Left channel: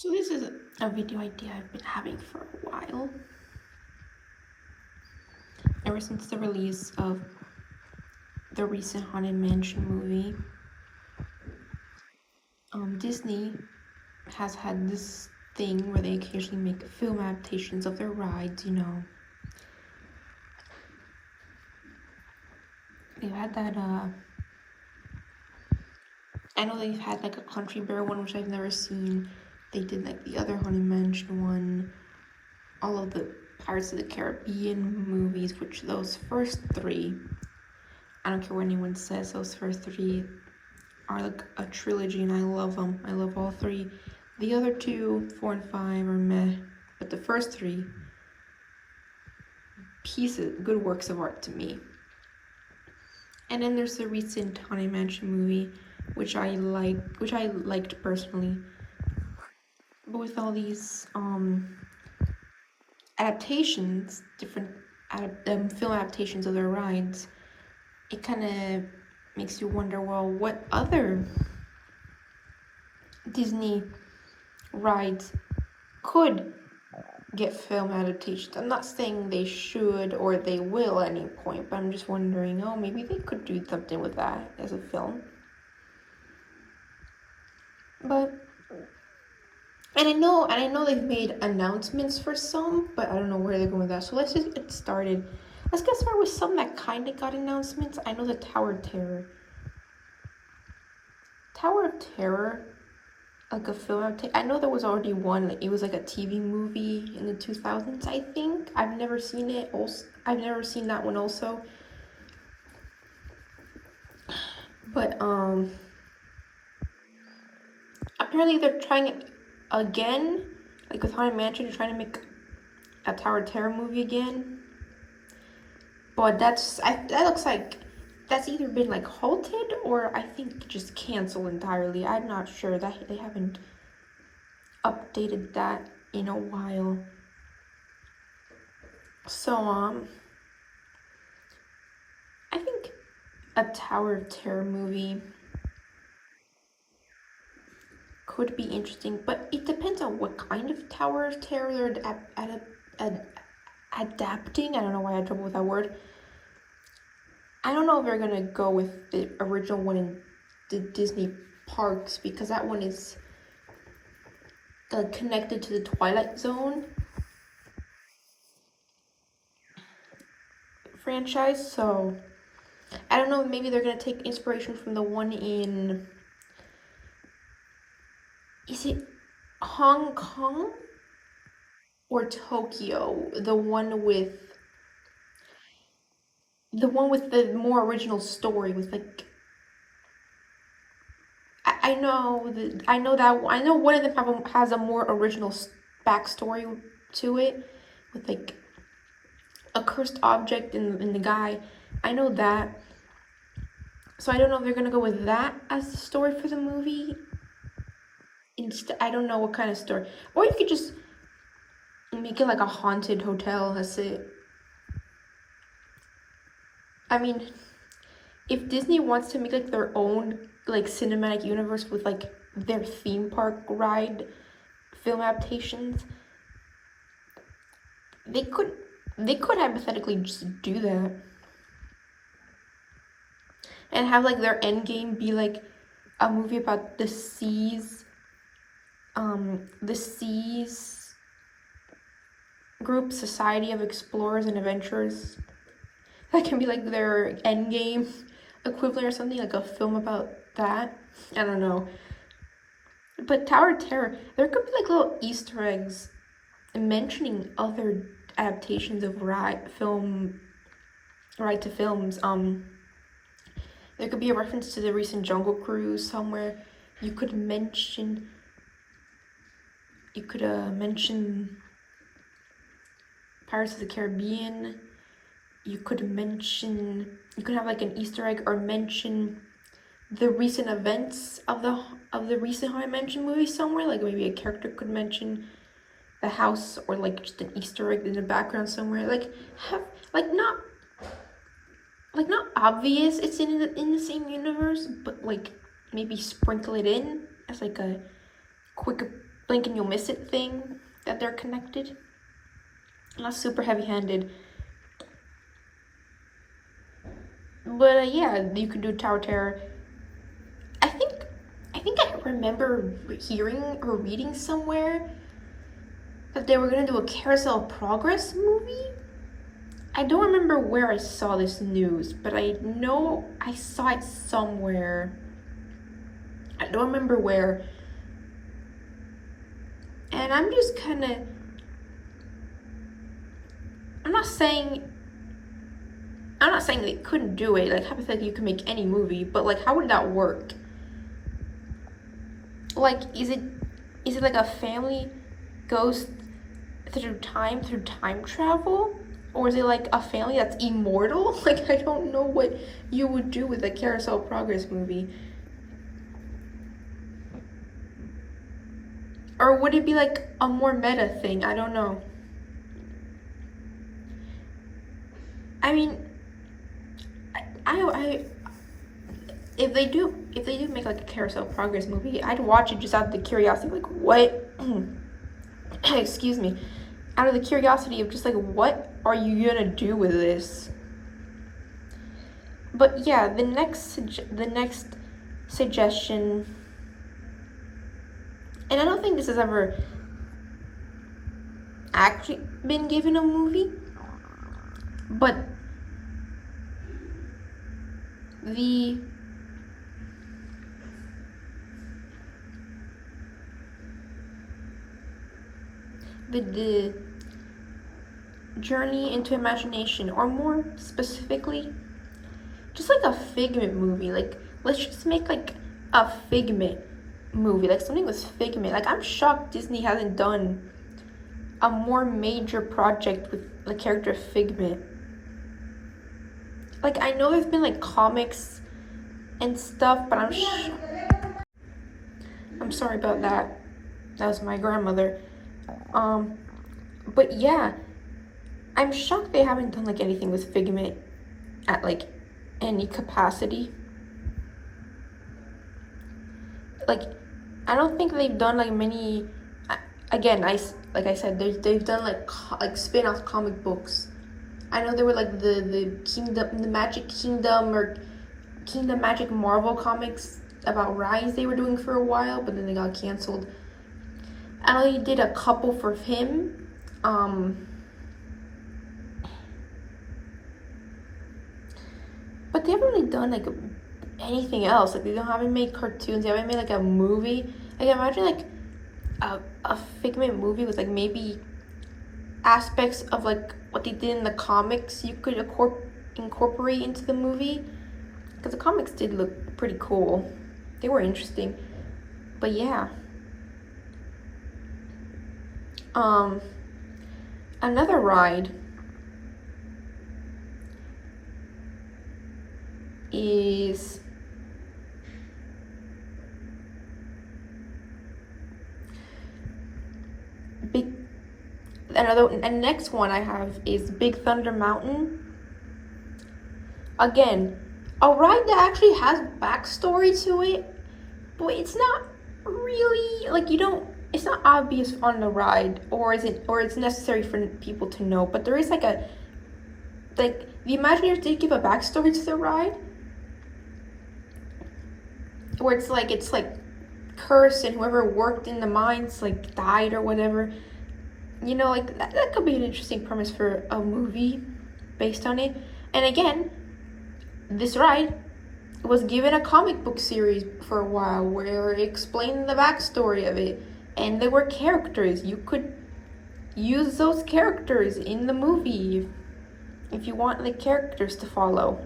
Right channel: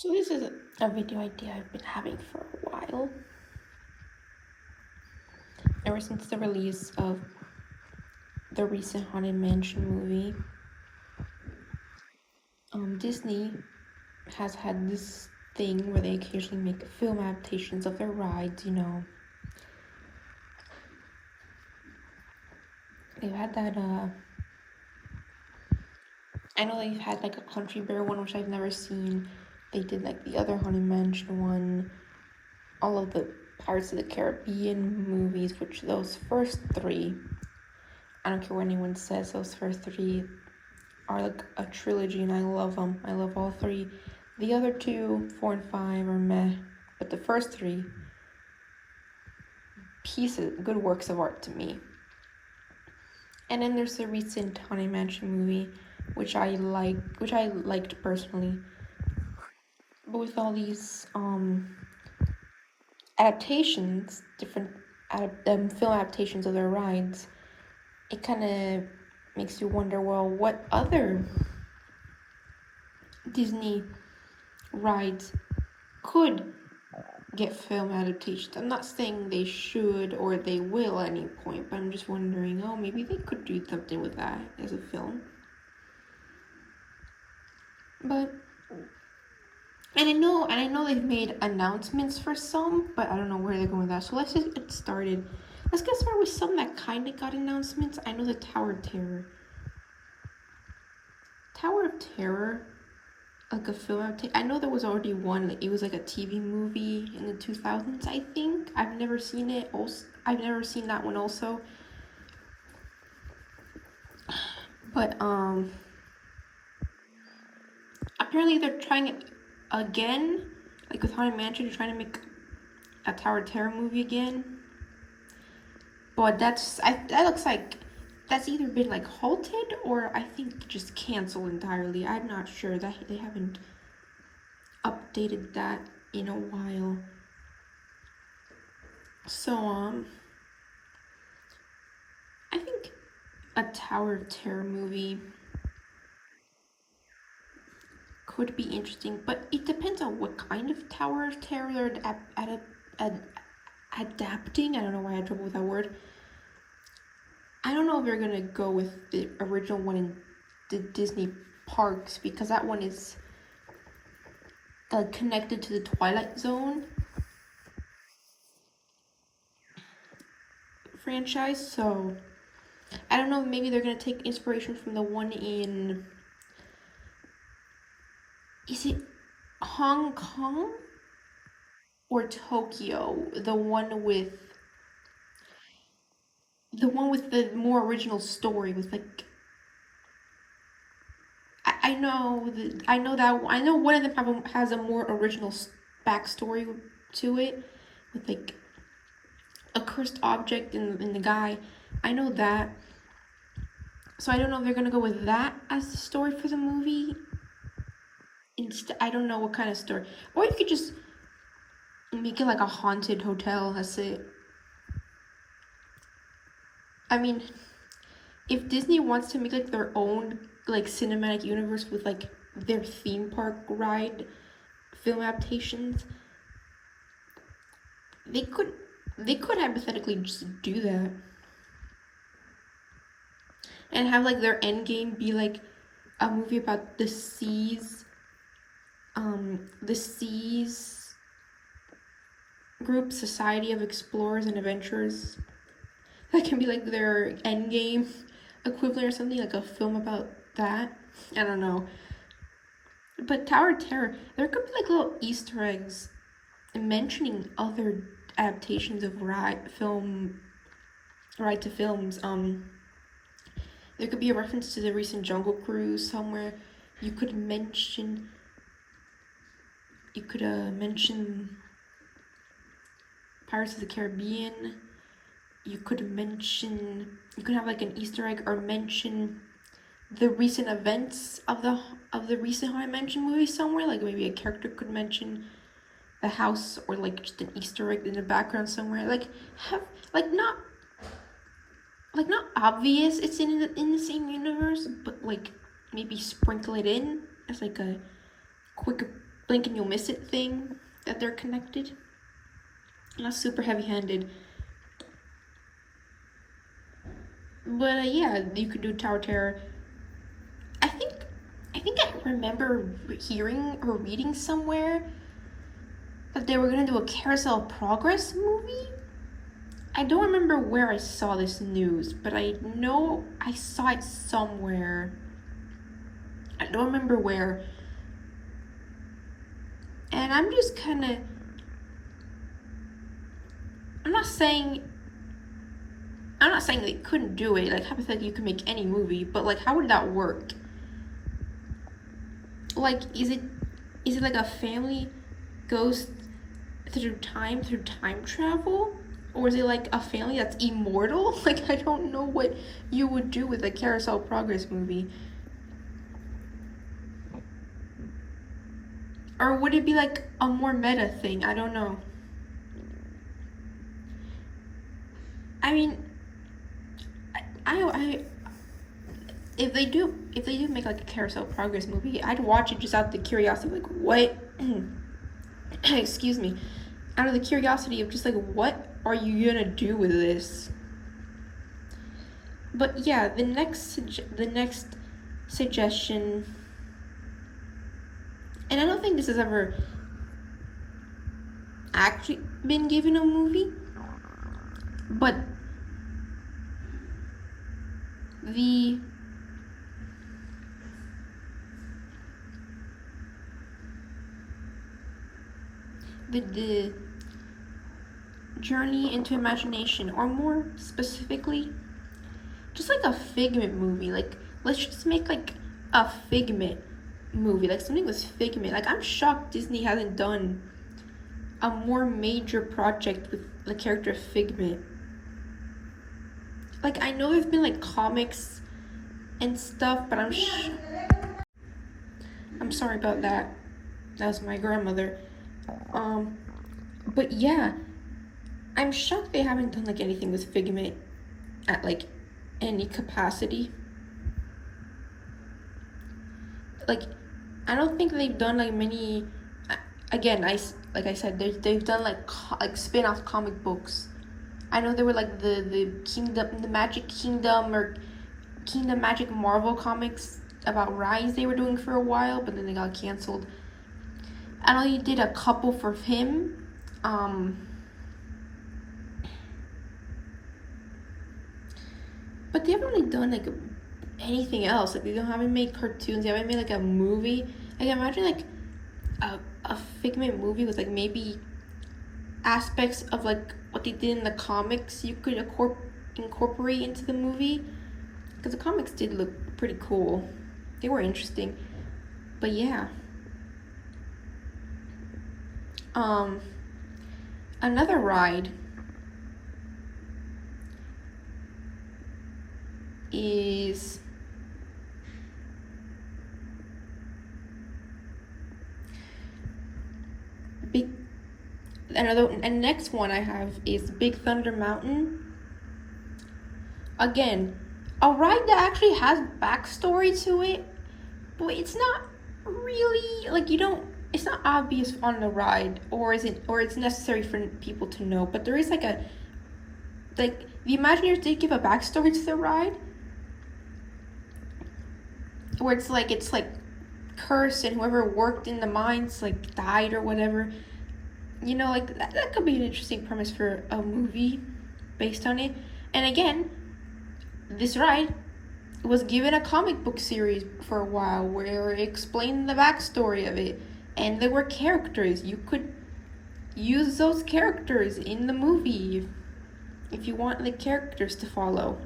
So this is a video idea I've been having for a while. Ever since the release of the recent Haunted Mansion movie, Disney has had this thing where they occasionally make film adaptations of their rides. They've had that, I know they've had like a Country Bear one, which I've never seen. They did like the other Haunted Mansion one, all of the Pirates of the Caribbean movies, which those first three, I don't care what anyone says, those first three are like a trilogy and I love them. I love all three. The other two, 4 and 5, are meh, but the first three, good works of art to me. And then there's the recent Haunted Mansion movie, which I liked personally. But with all these adaptations, different film adaptations of their rides, it kind of makes you wonder, well, what other Disney rides could get film adaptations? I'm not saying they should or they will at any point, but I'm just wondering, maybe they could do something with that as a film. But and I know they've made announcements for some, but I don't know where they're going with that. So let's just get started. Let's get started with some that kind of got announcements. I know the Tower of Terror. Tower of Terror, like a film. I know there was already one. Like, it was like a TV movie in the 2000s, I think. I've never seen it. I've never seen that one also. But apparently they're trying it again, like with Haunted Mansion. They're trying to make a Tower of Terror movie again. But that looks like that's either been like halted or I think just canceled entirely. I'm not sure. That they haven't updated that in a while. So I think a Tower of Terror movie could be interesting, but it depends on what kind of Tower of Terror they're adapting. I don't know why I had trouble with that word. I don't know if they're gonna go with the original one in the Disney parks, because that one is connected to the Twilight Zone franchise. So I don't know, maybe they're gonna take inspiration from the one in, is it Hong Kong or Tokyo? The one with the more original story with like, I know one of them has a more original backstory to it, with like a cursed object in the guy. I know that. So I don't know if they're gonna go with that as the story for the movie. I don't know what kind of story. Or you could just make it like a haunted hotel. That's it. I mean, if Disney wants to make like their own like cinematic universe with like their theme park ride film adaptations, they could hypothetically just do that and have like their end game be like a movie about the seas group, Society of Explorers and Adventurers. That can be like their end game equivalent or something, like a film about that. I don't know. But Tower of Terror, there could be like little Easter eggs mentioning other adaptations of ride to films. There could be a reference to the recent Jungle Cruise somewhere. You could mention Pirates of the Caribbean. You could have like an Easter egg or mention the recent events of the recent Haunted Mansion movie somewhere. Like maybe a character could mention the house, or like just an Easter egg in the background somewhere. Like have not obvious it's in the same universe, but like maybe sprinkle it in as like a quick blink and you'll miss it thing that they're connected. Not super heavy-handed. But yeah, you could do Tower Terror. I think I remember hearing or reading somewhere that they were gonna do a Carousel Progress movie. I don't remember where I saw this news, but I know I saw it somewhere. I don't remember where. And I'm just kind of... I'm not saying they couldn't do it. Like, hypothetically, you could make any movie, but like, how would that work? Like, is it like a family goes through time travel? Or is it like a family that's immortal? Like, I don't know what you would do with a Carousel Progress movie. Or would it be like a more meta thing? I don't know. I mean, I if they do make like a Carousel Progress movie, I'd watch it just out of the curiosity, like, what? Excuse me. Out of the curiosity of just like, what are you gonna do with this? But yeah, the next suggestion, and I don't think this has ever actually been given a movie, but the journey into imagination, or more specifically, just like a Figment movie. Like, let's just make like a Figment movie, like something with Figment. Like, I'm shocked Disney hasn't done a more major project with the character Figment. Like, I know there's been like comics and stuff, but I'm sorry about that. That was my grandmother. But yeah, I'm shocked they haven't done like anything with Figment at like any capacity. Like, I don't think they've done like many. Again, like I said, they've done like spin-off comic books. I know there were like the Magic Kingdom or Kingdom Magic Marvel comics about Rise they were doing for a while, but then they got canceled. I know they did a couple for him. But they haven't really done like anything else. Like, they haven't made cartoons. They haven't made like a movie. Like, imagine like a Figment movie with like maybe aspects of like what they did in the comics you could incorporate into the movie, because the comics did look pretty cool. They were interesting. But yeah, another ride is and next one I have is Big Thunder Mountain. Again, a ride that actually has backstory to it, but it's not really like, it's not obvious on the ride, or it's necessary for people to know, but there is like the Imagineers did give a backstory to the ride, where it's like cursed, and whoever worked in the mines like died or whatever. Like that could be an interesting premise for a movie based on it. And again, this ride was given a comic book series for a while where it explained the backstory of it, and there were characters. You could use those characters in the movie if you want the characters to follow.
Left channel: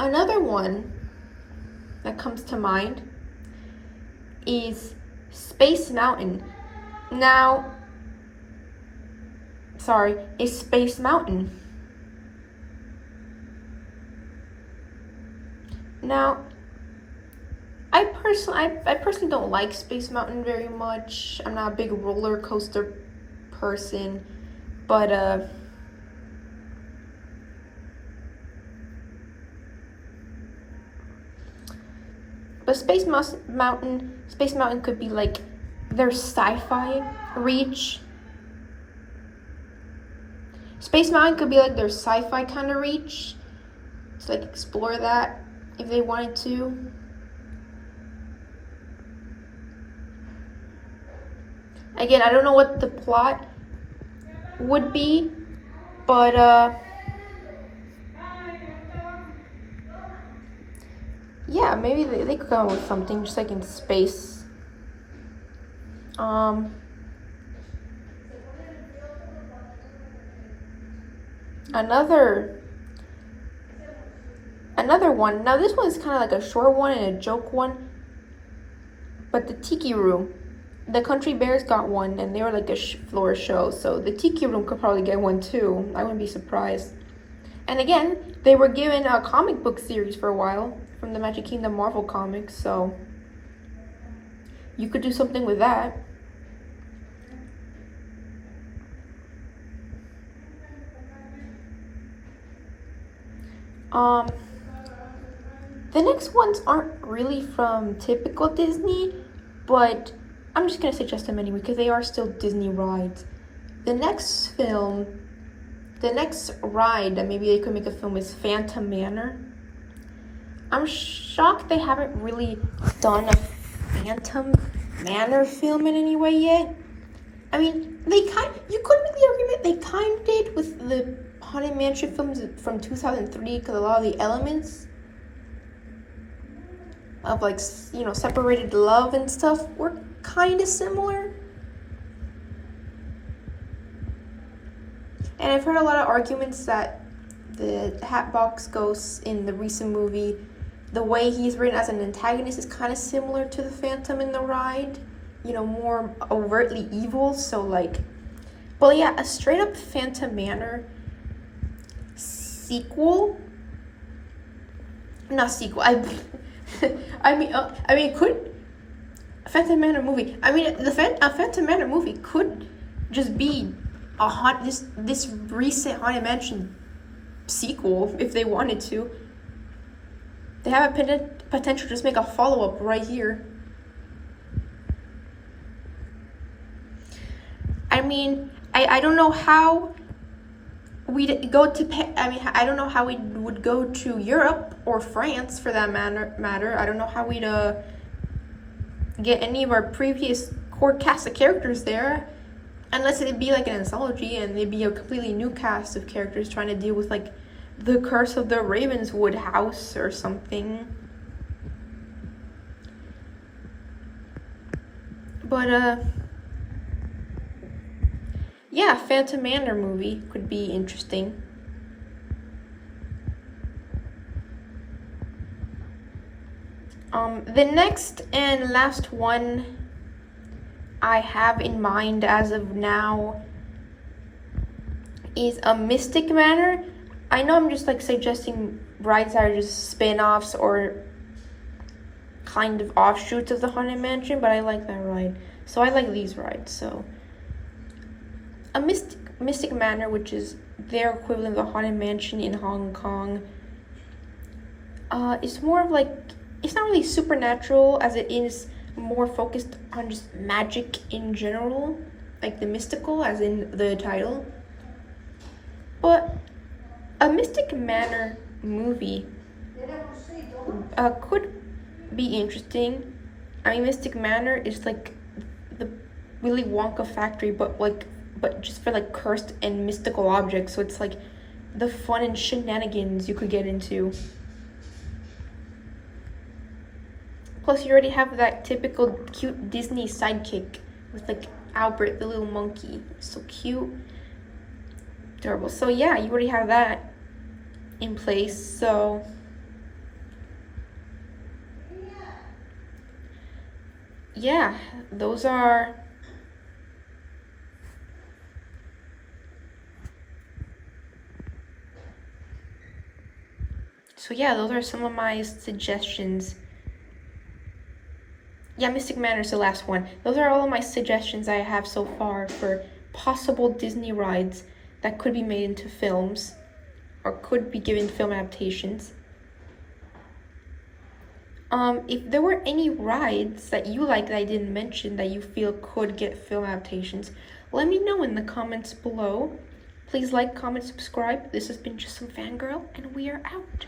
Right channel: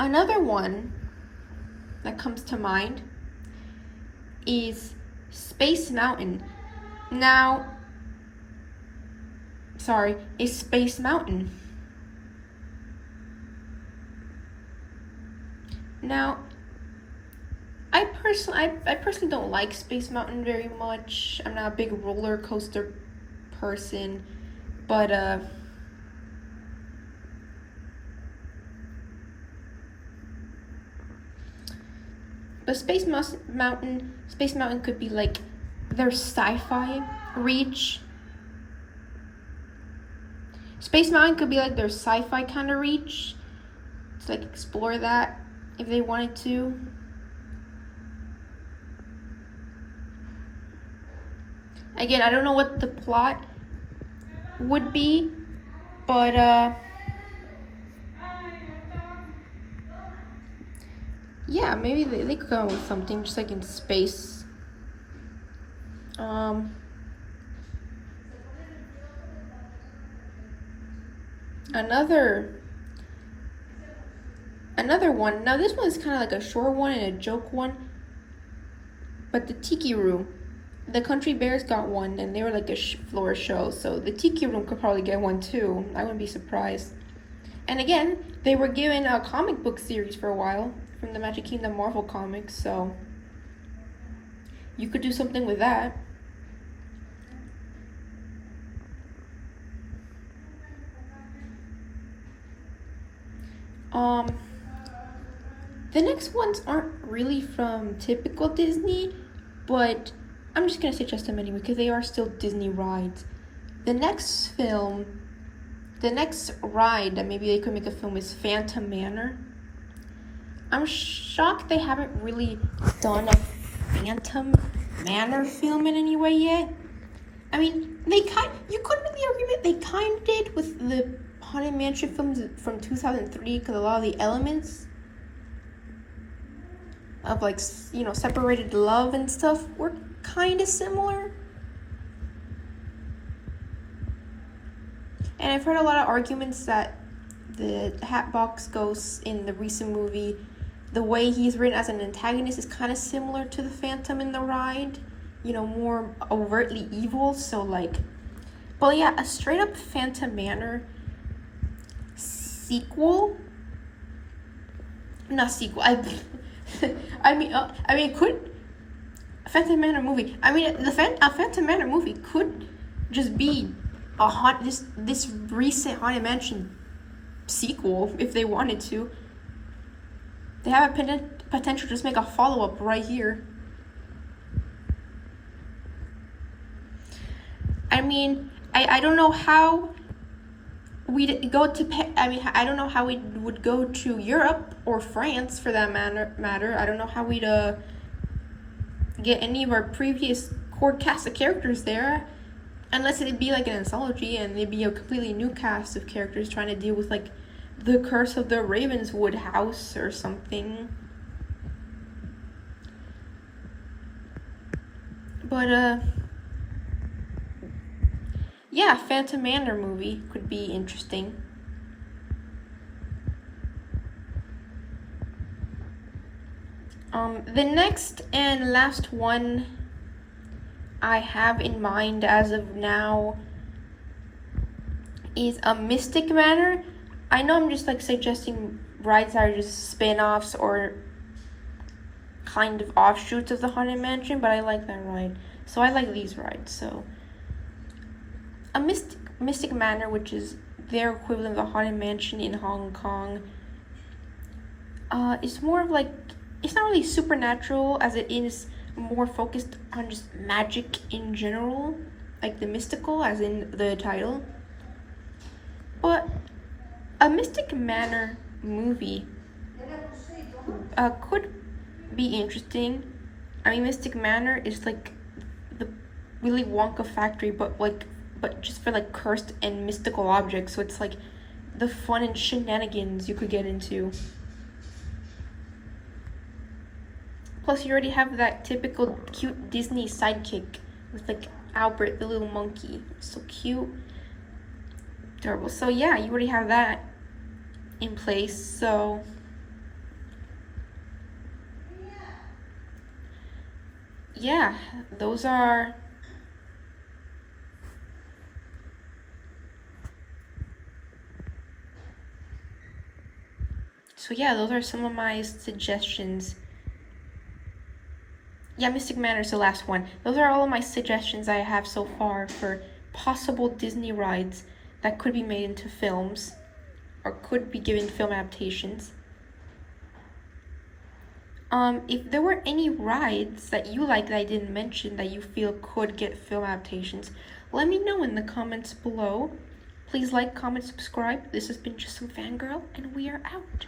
Another one that comes to mind is Space Mountain. Is Space Mountain. Now, I personally don't like Space Mountain very much. I'm not a big roller coaster person. But Space Mountain could be like their sci-fi reach. Space Mountain could be like their sci-fi kind of reach. To like explore that if they wanted to. Again, I don't know what the plot would be, but yeah, maybe they could come up with something just like in space. Another one. Now this one is kind of like a short one and a joke one, but the Tiki Room. The Country Bears got one, and they were like a floor show, so the Tiki Room could probably get one too. I wouldn't be surprised. And again, they were given a comic book series for a while from the Magic Kingdom Marvel comics, so you could do something with that. The next ones aren't really from typical Disney, but I'm just gonna suggest them anyway because they are still Disney rides. The next ride that maybe they could make a film is Phantom Manor. I'm shocked they haven't really done a Phantom Manor film in any way yet. I mean, you could make the argument they kind of did with the Haunted Mansion films from 2003 because a lot of the elements of like, you know, separated love and stuff were kind of similar. And I've heard a lot of arguments that the Hatbox Ghost in the recent movie, the way he's written as an antagonist is kind of similar to the Phantom in the ride, you know, more overtly evil. So like, but yeah, a straight up Phantom Manor sequel, not sequel. I mean, could a Phantom Manor movie? I mean, a Phantom Manor movie could just be this recent Haunted Mansion sequel if they wanted to. They have a potential to just make a follow-up right here. I mean, I don't know how we'd go to. I don't know how we would go to Europe or France for that matter. I don't know how we'd get any of our previous core cast of characters there, unless it'd be like an anthology and it'd be a completely new cast of characters trying to deal with like the Curse of the Ravenswood house or something. But yeah, Phantom Manor movie could be interesting. The next and last one I have in mind as of now is a Mystic Manor. I know I'm just like suggesting rides that are just spin-offs or kind of offshoots of the Haunted Mansion, but I like that ride. So I like these rides. So a Mystic Manor, which is their equivalent of the Haunted Mansion in Hong Kong, is more of like, it's not really supernatural as it is more focused on just magic in general, like the mystical as in the title. But a Mystic Manor movie could be interesting. I mean, Mystic Manor is like the Willy Wonka factory, but just for like cursed and mystical objects. So it's like the fun and shenanigans you could get into. Plus, you already have that typical cute Disney sidekick with like Albert, the little monkey. So cute, adorable. So yeah, you already have that in place. So yeah, those are some of my suggestions. Yeah, Mystic Manor is the last one. Those are all of my suggestions I have so far for possible Disney rides. that could be made into films or could be given film adaptations. If there were any rides that you like that I didn't mention that you feel could get film adaptations, let me know in the comments below. Please like, comment, subscribe. This has been Just Some Fangirl, and we are out.